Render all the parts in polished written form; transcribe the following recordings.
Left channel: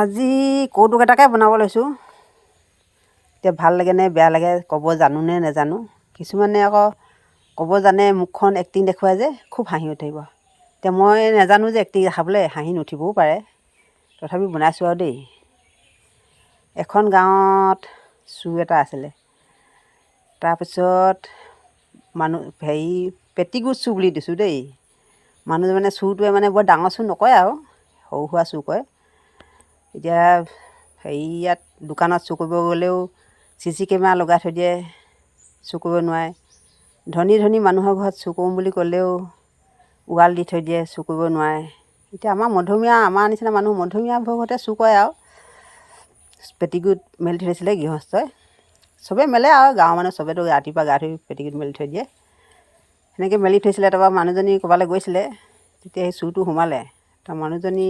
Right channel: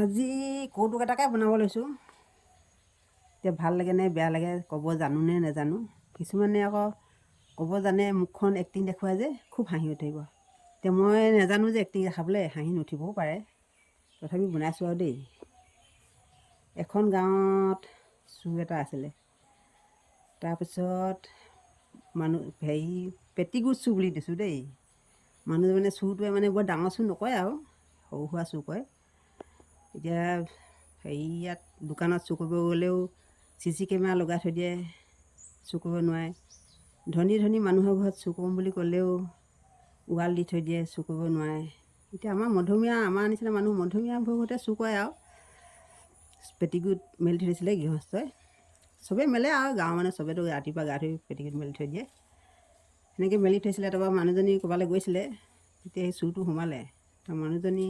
আজি কৌতুক এটাকে বনাব লৈছোঁ। এতিয়া ভাল লাগে নে বেয়া লাগে ক'ব জানো নে নেজানো। কিছুমানে আকৌ ক'ব জানে, মুখখন এক্টিং দেখুৱাই যে খুব হাঁহি উঠিব। এতিয়া মই নেজানো যে এক্টিং দেখাবলৈ, হাঁহি নুঠিবও পাৰে, তথাপি বনাইছোঁ আৰু দেই। এখন গাঁৱত চুৰ এটা আছিলে। তাৰপিছত পেটিকোট চুৰ বুলি দিছোঁ দেই। মানুহজন মানে চুৰটোৱে মানে বৰ ডাঙৰ চুৰ নকৰে আৰু সৰু সুৰা চুৰ কৰে। এতিয়া ইয়াত দোকানত চুৰ কৰিব গ'লেও CC কেমেৰা লগাই থৈ দিয়ে, চুৰ কৰিব নোৱাৰে। ধনী ধনী মানুহৰ ঘৰত চুৰ কৰোঁ বুলি ক'লেও ৱাল দি থৈ দিয়ে, চুৰ কৰিব নোৱাৰে। এতিয়া আমাৰ নিচিনা মানুহ মধ্যমীয়াবোৰৰ ঘৰতে চুৰ কৰে আৰু। পেটিকোট মেলি থৈ দিছিলে গৃহস্থই, চবেই মেলে আৰু গাঁৱৰ মানুহ চবেতো ৰাতিপুৱা গা ধুই পেটিকোট মেলি থৈ দিয়ে। সেনেকৈ মেলি থৈছিলে। তাৰপৰা মানুহজনী ক'ৰবালৈ গৈছিলে, তেতিয়া সেই চুৰটো সোমালে। মানুহজনী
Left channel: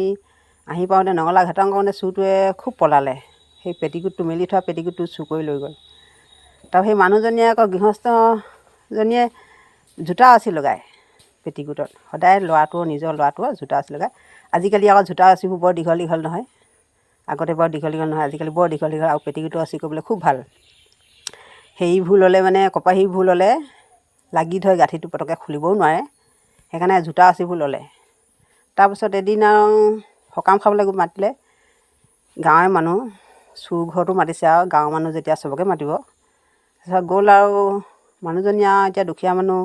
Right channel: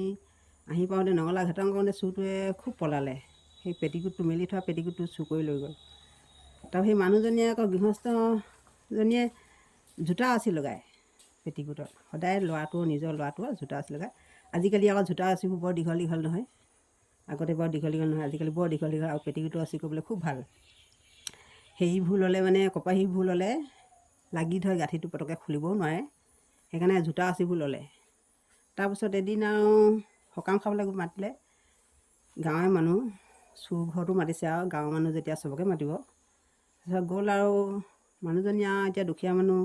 আহি পাওঁতে নঙলা ঘাটং কৰোঁতে চুৰটোৱে খুব পলালে। সেই পেটিকোটটো মেলি থোৱা পেটিকোটটো চুৰ কৰি লৈ গ'ল। তাৰপৰা সেই মানুহজনীয়ে আকৌ গৃহস্থজনীয়ে জোতা ৰছী লগায় পেটিকোটত, সদায় নিজৰ ল'ৰাটোৰ জোতা ৰছী লগায়। আজিকালি আকৌ জোতা ৰছীবোৰ বৰ দীঘল দীঘল নহয়, আগতে বৰ দীঘল দীঘল নহয়, আজিকালি বৰ দীঘল দীঘল। আৰু পেটিকোটৰ ৰছী কৰিবলৈ খুব ভাল। হেৰি ভুল হ'লে মানে কপাহী ভুল হ'লে লাগি ধৰে, গাঁঠিটো পটককৈ খুলিবও নোৱাৰে, সেইকাৰণে জোতা ৰছীবোৰ ল'লে। তাৰপিছত এদিন আৰু সকাম খাবলৈ মাতিলে গাঁৱৰে মানুহ, চুৰ ঘৰতো মাতিছে আৰু গাঁৱৰ মানুহ যেতিয়া চবকে মাতিব। তাৰপিছত গ'ল আৰু মানুহজনী আৰু এতিয়া দুখীয়া মানুহ,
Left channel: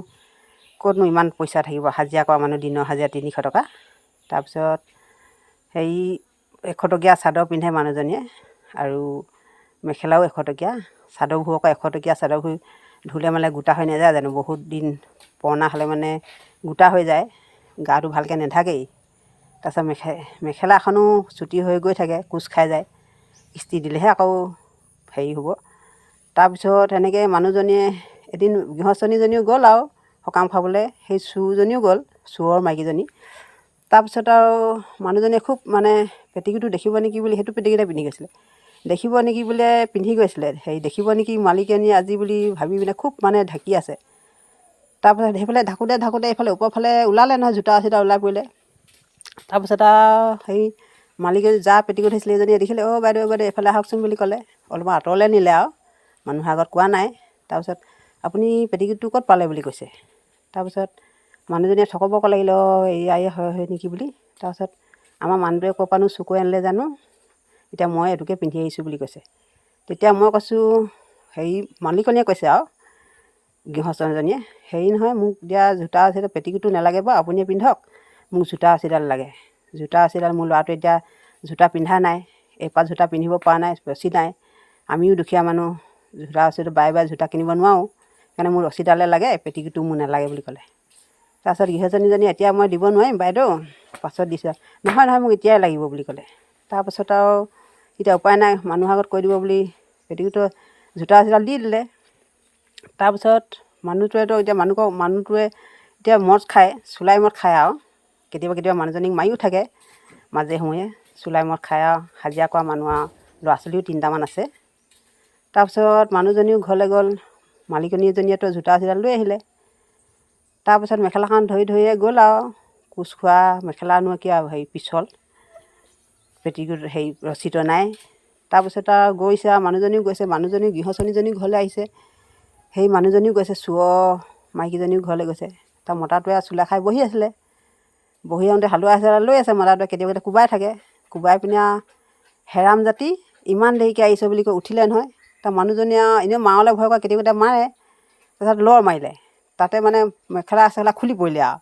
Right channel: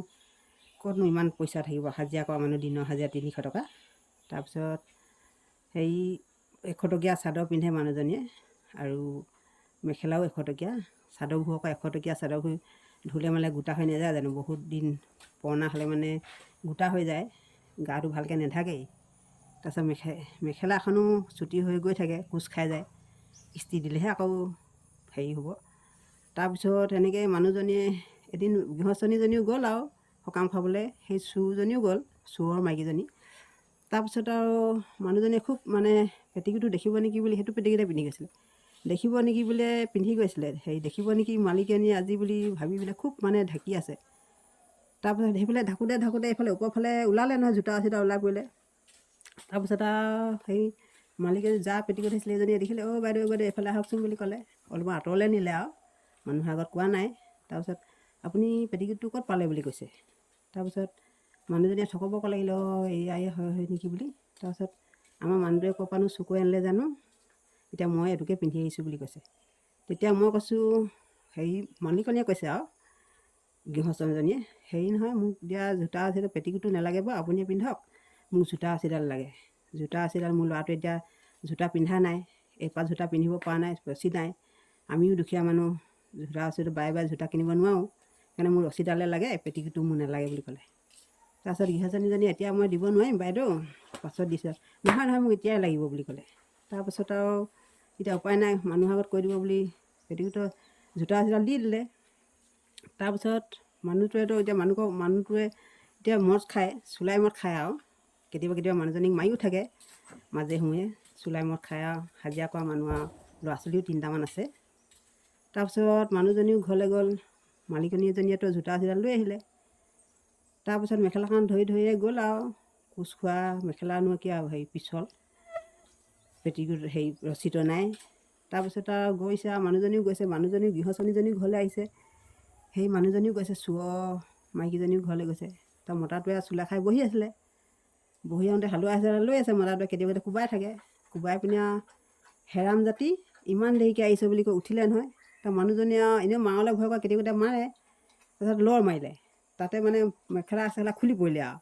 ক'তনো ইমান পইচা থাকিব, হাজিৰা কৰা মানুহ, দিনৰ হাজিৰা 300 টকা। তাৰপিছত 100 টকীয়া চাদৰ পিন্ধে মানুহজনীয়ে, আৰু মেখেলাও 100 টকীয়া, চাদৰবোৰ আকৌ 100 টকীয়া চাদৰবোৰ ধুলে মানে গোটা হৈ নাযায় জানো, বহুত দিন পুৰণা হ'লে মানে গোটা হৈ যায়, গাটো ভালকৈ নাথাকেই। তাৰপিছত মেখেলাখনো চুটি হৈ গৈ থাকে, কোচ খাই যায়, ইস্ত্ৰি দিলেহে আকৌ হেৰি হ'ব। তাৰপিছত সেনেকৈ মানুহজনীয়ে এদিন গৃহস্থনীজনীও গ'ল আৰু সকাম খাবলৈ, সেই চুৰজনীও গ'ল, চোৰৰ মাইকীজনী। তাৰপিছত আৰু মানুহজনীয়ে খুব মানে পেটিকোটটো দেখিব নেকি বুলি সেইটো পেটিকোটে পিন্ধি গৈছিলে। দেখিব নেকি বোলে পিন্ধি গৈছিলে, দেখিব নেকি মালিকনীয়ে আজি বুলি ভাবি পিনে খুব মানে ঢাকি আছে। তাৰপিছত সেইফালে ঢাকোঁতে এইফালে ওপৰৰ ফালে ওলালে নহয়, জোতা ৰছীডাল ওলাই পৰিলে। তাৰপিছত আৰু মালিকে যা পেটিকোট থৈছিলে এইজনীয়ে দেখিলে, অ' বাইদেউ এইফালে আহকচোন বুলি ক'লে। অলপমান আঁতৰলৈ নিলে আৰু, মানুহৰ আগত কোৱা নাই। তাৰপিছত আপুনি পেটিকোটটো ক'ত পালে বুলি কৈছে। তাৰপিছত মানুহজনীয়ে থকবক লাগিলে, এয়াই হয় নেকি বুলি। তাৰপিছত আমাৰ মানুহটোৱে ক'ৰ পৰানো চুৰ কৰি আনিলে জানো, এতিয়া মই এইটোকে পিন্ধি আহিছোঁ বুলি কৈছে। তেতিয়া মই কৈছোঁ, মালিকনীয়ে কৈছে আৰু গৃহস্থজনীয়ে, নহয় মোক এতিয়া জোতা ৰছী পেটিকোটটো নালাগে বাৰু, আপুনিয়ে পিন্ধক, মোক জোতা ৰছীডাল লাগে। জোতা ৰছীডাল মোৰ ল'ৰাটোৱে এতিয়া জোতা পিন্ধা নাই, এপাত জোতা পিন্ধিব পৰা নাই, ৰছী নাই। আমিও দুখীয়া মানুহ, জোতা ৰছীটো বাৰে বাৰে জোতা কিনিব নোৱাৰোঁ, সেইকাৰণে মোৰ ৰছীডালে লাগে, পেটিকোটটো মোৰ নালাগে বুলি ক'লে। তাৰপিছত গৃহস্থনীজনী, এতিয়া মই দিব নোৱাৰিম বাইদেউ, পাছত দিছোঁ। নহয় মোক এতিয়াই লাগিব বুলি ক'লে। তাৰপাছত আৰু এতিয়া উপায় নাই, মানুহৰ আগত কৈ দিব বুলি পেটিকোটৰ জোতা ৰছীডাল দি দিলে। তাৰপিছত মানুহটোৱে এতিয়া মদ খায়, চুলাই মদ খায় আৰু কেতিয়াবা মানুহজনীক মাৰিও থাকে মাজে সময়ে, চুলাই মদ খায় আৰু হাজিৰা কৰা মানুহ আৰু ল'ৰা ছোৱালীও 3টামান আছে। তাৰপিছত মানুহজনীও ঘৰলৈ গ'ল, মালিকনীজনীয়েতো জোতা ৰছীডাল লৈ আহিলে। তাৰপিছত মেখেলাখন ধৰিয়ে গ'ল আৰু, কোচ খোৱা মেখেলানো কি আৰু পিছল, পেটিকোট ৰছীটো নাই। তাৰপিছত আৰু গৈছে আৰু মানুহজনীও গৈছে, গৃহস্থনীজনীও ঘৰলৈ আহিছে, সেই মানুহজনীও গৈছে, চোৰৰ মাইকীজনীও ঘৰলৈ গৈছে। তাৰ মতাটোৱে চুলা খাই বহি আছিলে, বহি আহোঁতে হালোৱা এডাল লৈ আছে মতাটোৱে, কেতিয়াবা কোবাই থাকে, কোবাই পিনে আৰু হেৰাম জাতি ইমান দেৰিকৈ আহিছে বুলি কৈ উঠিলে নহয়। তাৰ মানুহজনীয়ে আৰু এনেও মাৰলৈ ভয় কৰে, কেতিয়াবা মাৰে। তাৰপিছত লৰ মাৰিলে, তাতে মানে মেখেলা চেখেলা খুলি পৰিলে আৰু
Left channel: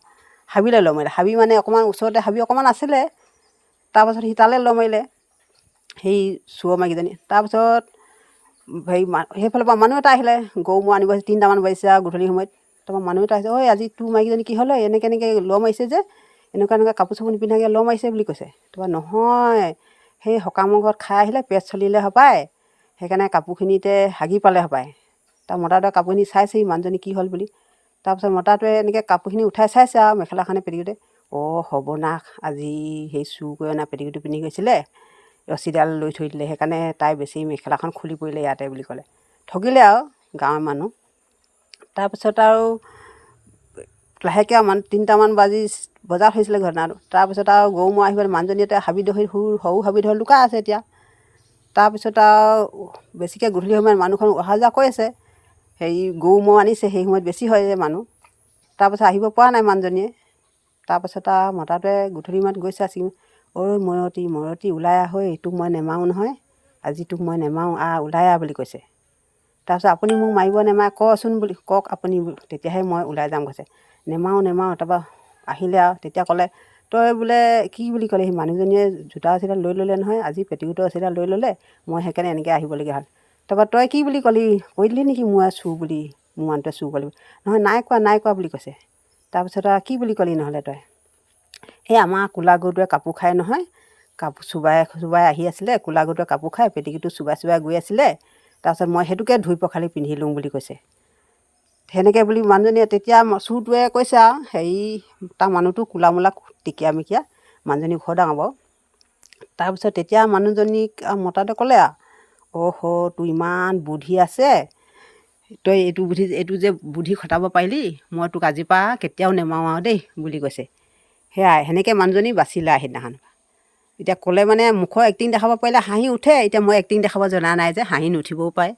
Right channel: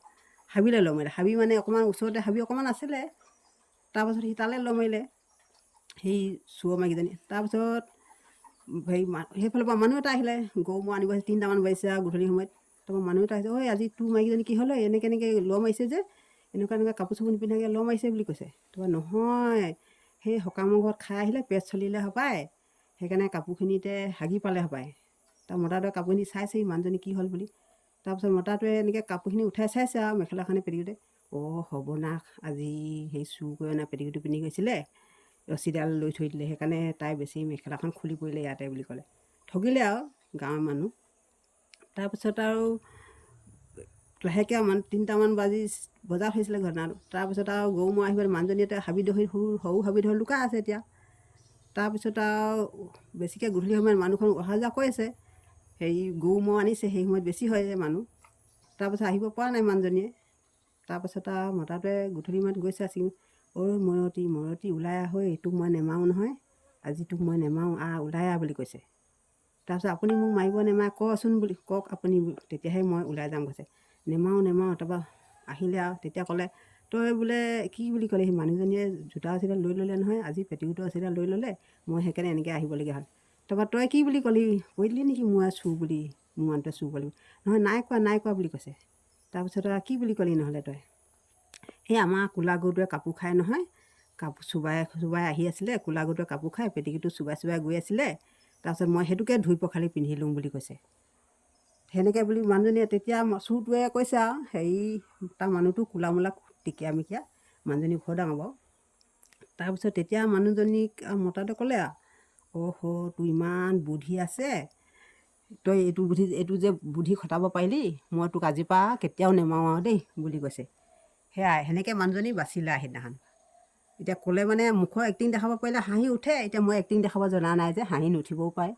হাবিলৈ লৰ মাৰিলে। হাবি মানে অকণমান ওচৰতে হাবি অকণমান আছিলে। তাৰপাছত সি তালৈ লৰ মাৰিলে, সেই চোৰৰ মাইকীজনী। তাৰপিছত সেইফালৰ পৰা মানুহ এটা আহিলে, গৰু ম'হ আনিব, 3টামান বাজিছে আৰু গধূলি সময়ত। তাৰপৰা মানুহ এটা আহিছে, ঐ আজি তোৰ মাইকীজনী কি হ'ল, এনেকৈ লৰ মাৰিছে যে, এনেকুৱা কাপোৰ চাপোৰ নিপিন্ধাকৈ লৰ মাৰিছে বুলি কৈছে। তাৰপৰা নহয়, সেই সকামৰ ঘৰত খাই আহিলে, পেট চলিলে হপায়, সেইকাৰণে কাপোৰখিনিতে হাগি পালে হপায়। তাৰ মতাটোৱে কাপোৰখিনি চাইছেহি মানুহজনী কি হ'ল বুলি। তাৰপিছত মতাটোৱে এনেকৈ কাপোৰখিনি উঠাই চাইছে আৰু মেখেলাখনে পেটিকোটে, সৰ্বনাশ, আজি চুৰ কৰি অনা পেটিকোটটো পিন্ধি গৈছিলে, ৰছীডাল লৈ থৈ দিলে, সেইকাৰণে তাই বেছি মেখেলাখন খুলি পৰিলে ইয়াতে বুলি ক'লে। ঠগিলে আৰু গাঁৱৰ মানুহ। তাৰপিছত আৰু লাহেকৈ আৰু 3টামান বজাত হৈছিলে ঘটনাটো। তাৰপিছত আৰু গৰু ম'হ আহিবলৈ মানুহজনীয়ে হাবি ধৰি সৰু হাবি ধৰি লুকাই আছে এতিয়া। তাৰপিছত আৰু বেছিকৈ গধূলি সময়ত মানুহখন অহা যোৱা কৰি আছে, হেৰি গৰু ম'হ আনিছে, সেই সময়ত বেছি হয় যে মানুহ। তাৰপাছত আহিব পৰা নাই মানুহজনীয়ে। তাৰপাছত আৰু মতাটোৱে গধূলি সময়ত গৈছে আছিল, ঐ ময়তী ওলাই আহ, তোক মই নেমাৰোঁ নহয়, আজি তোক মই নেমাৰোঁ, ওলাই আহ বুলি কৈছে। তাৰপিছত আপুনি মোক মাৰিব নেমাৰে কচোন বুলি কওক আপুনি, তেতিয়াহে মই ওলাই যাম কৈছে। নেমাৰোঁ। তাৰপৰা আহিলে আৰু তেতিয়া ক'লে, তই বোলে কি বুলি ক'লে, সি মানুহজনীয়ে জোতা চিতা লৈ ল'লে নহয়, আজি পেটিকোটৰ চিতা লৈ ল'লে, মই সেইকাৰণে এনেকৈ আহিবলগীয়া হ'ল। তাৰপৰা তই কি বুলি ক'লি, কৈ দিলি নেকি মই চুৰ বুলি, মোৰ মানুহটোৱে চুৰ বুলি? নহয় নাই কোৱা বুলি কৈছে। তাৰপিছত আৰু কি বুলি ক'লি নহ'লে তই? সেই আমাৰ ক'লা গৰুটোৱে কাপোৰ খায় নহয়, কাপোৰ চুবাই আহি আছিলে, ক'লা গৰুটোৱে কাপোৰ খাই পেটিকোটটো চুবাই গৈ আছিলে, তাৰপিছত মই সেইটোকে ধুই পখালি পিন্ধি লওঁ বুলি কৈছে। সেনেকৈ বুলি মানুহজনীয়ে তেতিয়া চুৰটোৱে কৈছে আৰু হেৰি তাৰ মানুহটো ক'লা মোলা টিকিয়া মিকিয়া, মানুহজনী ঘৰ ডাঙৰ বাৰু। তাৰপিছত তেতিয়া মানুহজনীক মতাটোৱে ক'লে আৰু তোৰ ইমান বুদ্ধি আছে, তই এইটো যে বুদ্ধি খটাব পাৰিলি, মই তোক আজিৰ পৰা কেতিয়াও নেমাৰোঁ আৰু দেই বুলি কৈছে। সেয়াই সেনেকৈ মানুহজনী বাচিলে সেইদিনাখন। এতিয়া ক'লে মানে মুখৰ এক্টিং দেখাব পাৰিলে হাঁহি উঠে, এতিয়া মই এক্টিং দেখাব জনা নাই যে হাঁহি নুঠিবও পাৰে।